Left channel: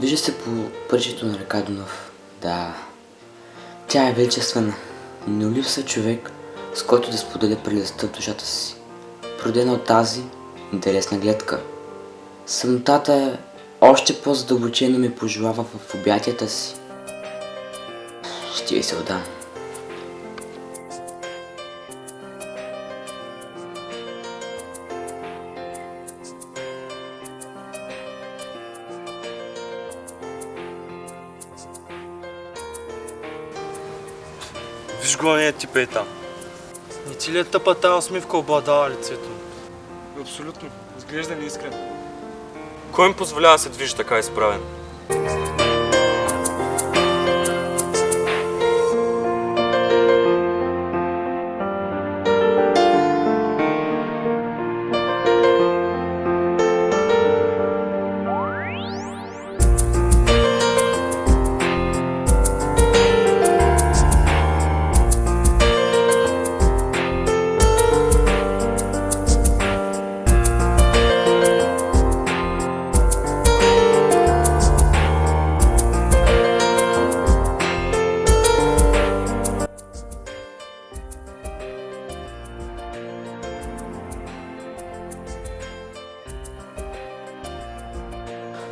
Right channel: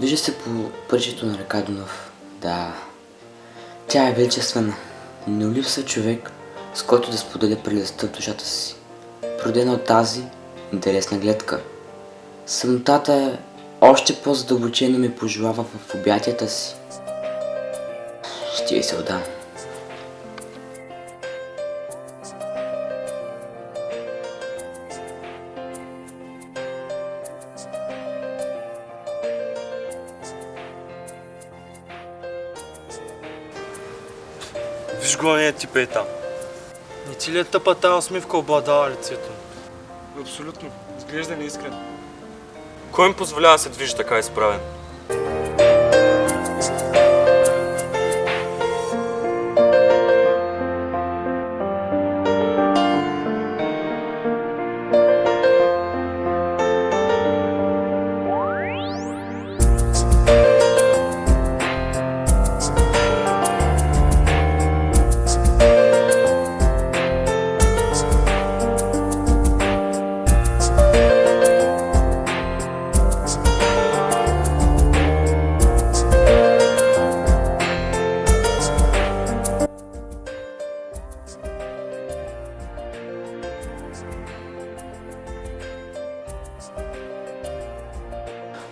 Движи се по пътището на река Дунав. Да, тя е величествена, но липсва човек, с който да споделя прелестта в душата си, породена от тази интересна гледка. Самотата е още по-задълбочено ме пожелава в обятията си. Ще ви се отдам. Виж го ония тип е там. Не ти ли е тъпа тая усмивка обладава лицето му? Абсолютно. Изглежда неискрен. Кой им позволява да се движи така изправен?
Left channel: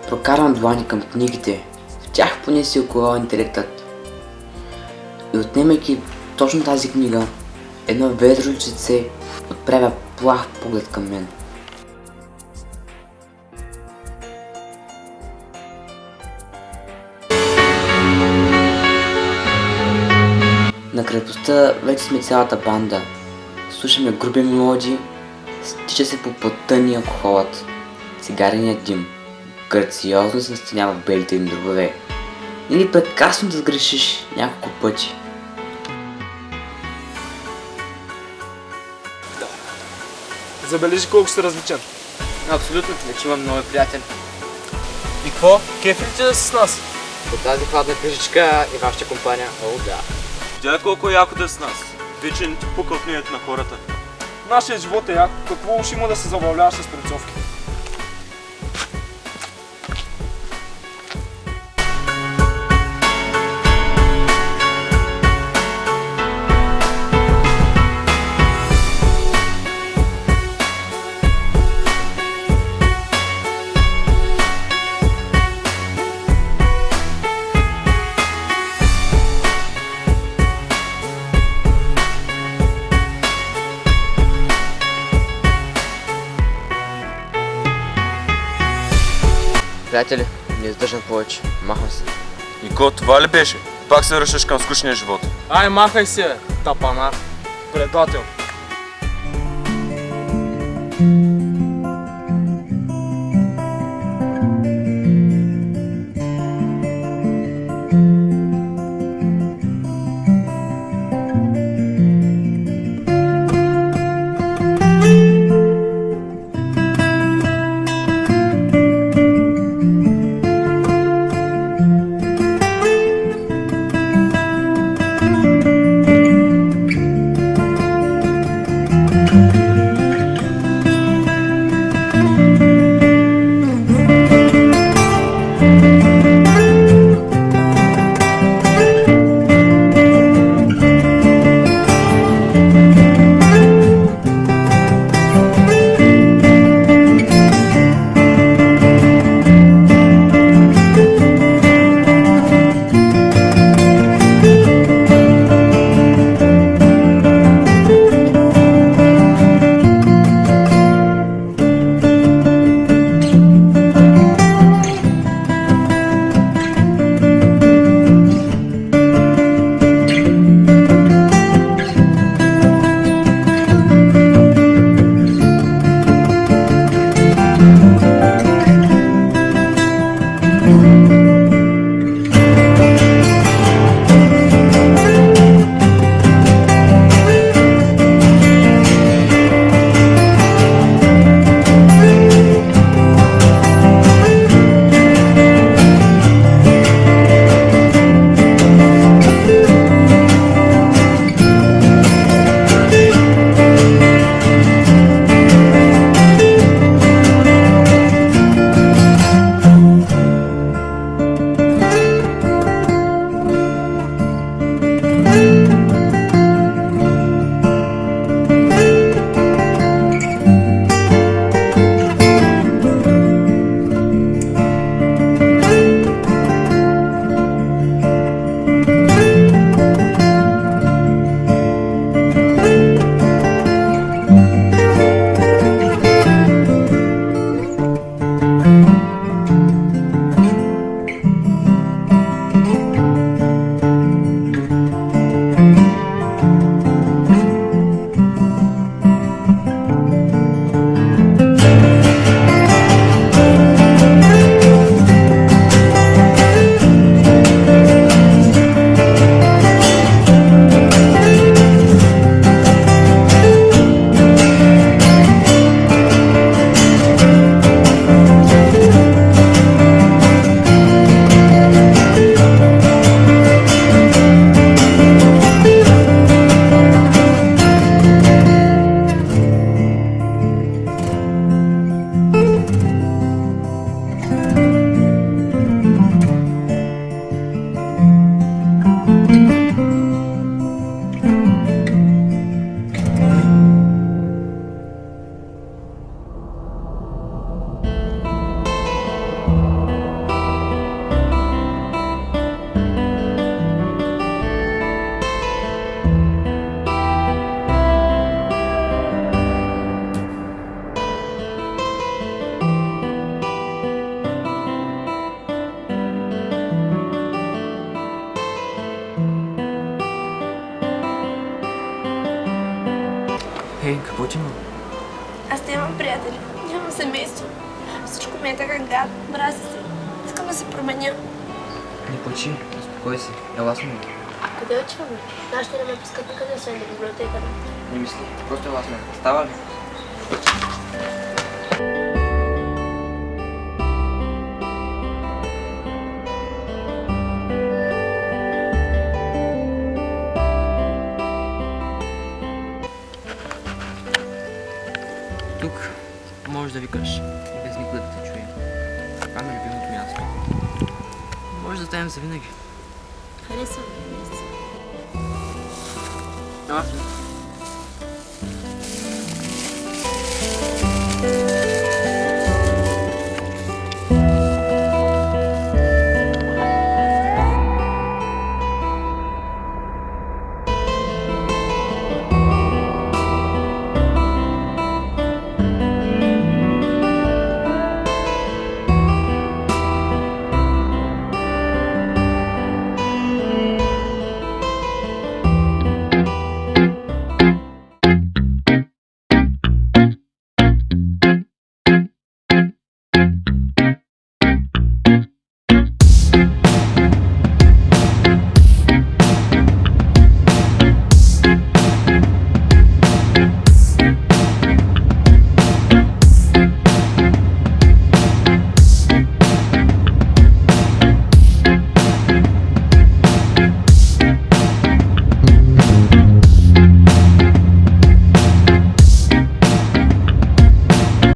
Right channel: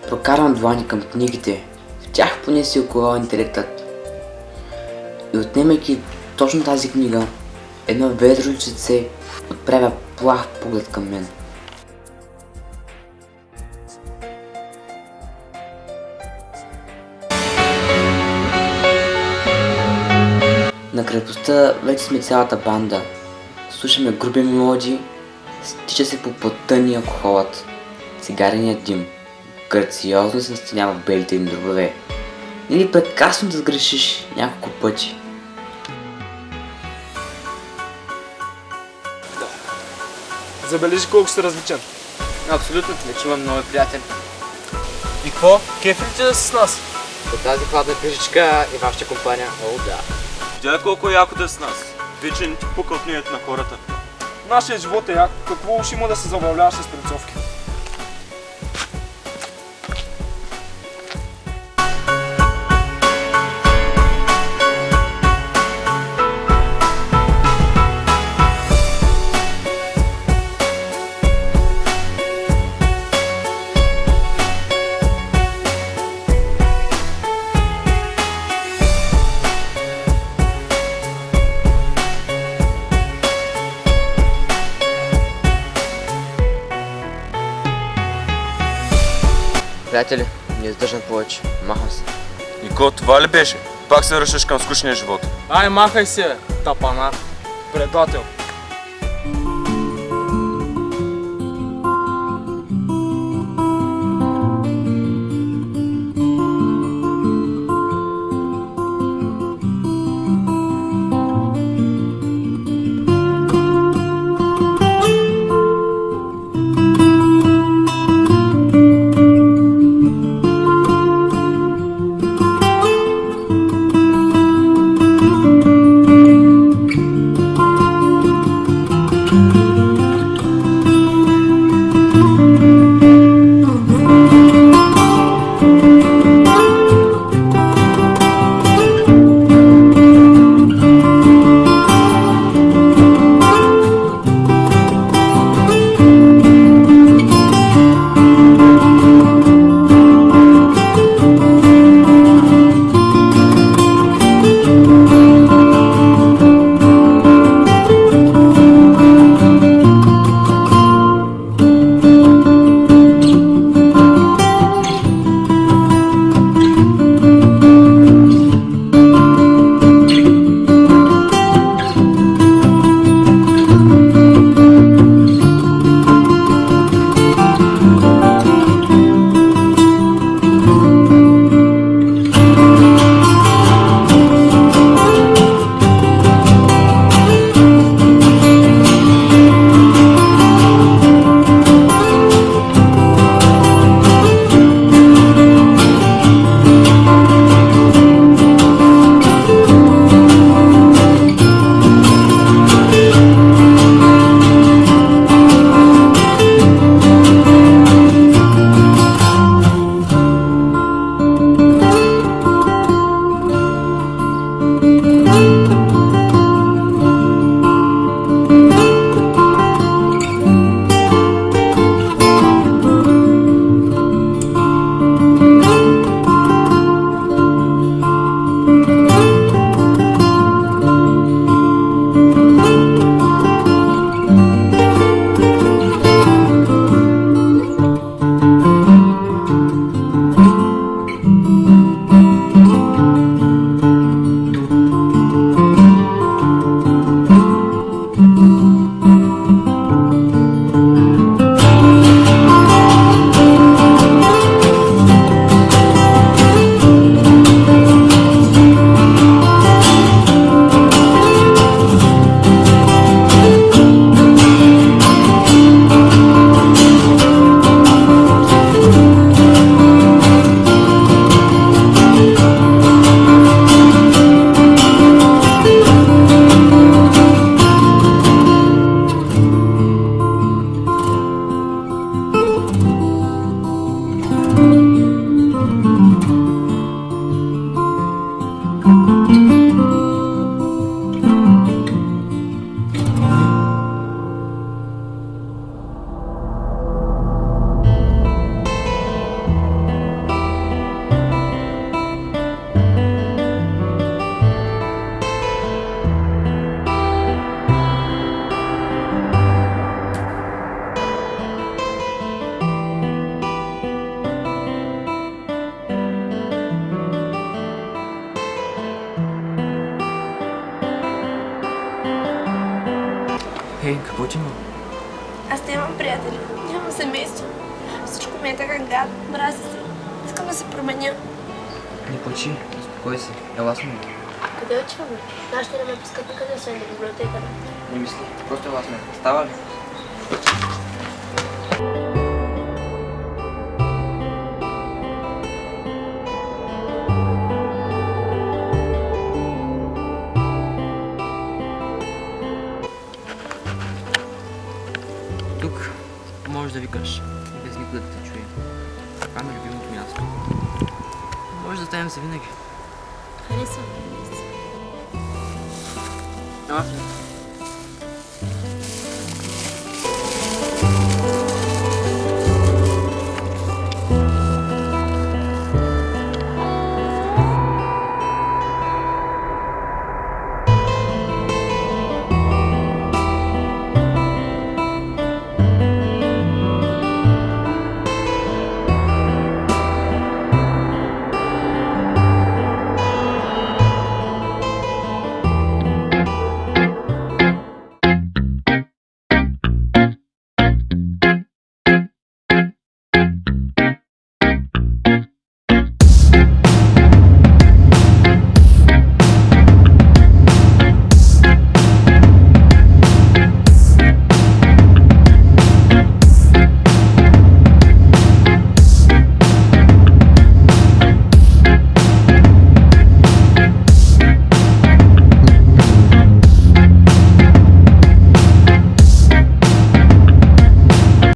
Прокарвам длани към книгите, в тях поне си оковава интелектът. И отнемайки точно тази книга, едно ведро лице отправя плах поглед към мен. На крепостта вече сме цялата банда. Слушаме груби мелодии, стича се по потъни алкохолът, цигареният дим. Грациозно се настинява в белите им дробове. Или прекрасно да сгрешиш няколко пъти. Забележи колко си различен. Абсолютно, вече имам нови приятели. И какво? Кеф ли ти да си с нас? По тази хладна пижичка и вашата компания, о да. Тя колко е яко да е с нас. Вече не ти пука от мнението на хората. Нашият живот е як. Какво уж има да се забавляваш с прецовки? Приятели, не издържам повече. Махам се. Нико, това ли беше? Пак се връщаш към скучния живот. Ай, махай се, тапанар. Предател. Хей, какво ти има? Аз нямам приятели, нямам семейство. Всичко ми е така гад, мразя се. Искам да се променя. Не плачи, успокой се. Ела с мен. Къде отиваме? Нашите не ме пускат никъде, освен до библиотеката. Не мисли, просто ела с мен. Става ли? Тук можеш да викаш и без никога да те чуе. Това ми е любимото място. Може да станем за винаги. Харесвам ми. Ела с мен.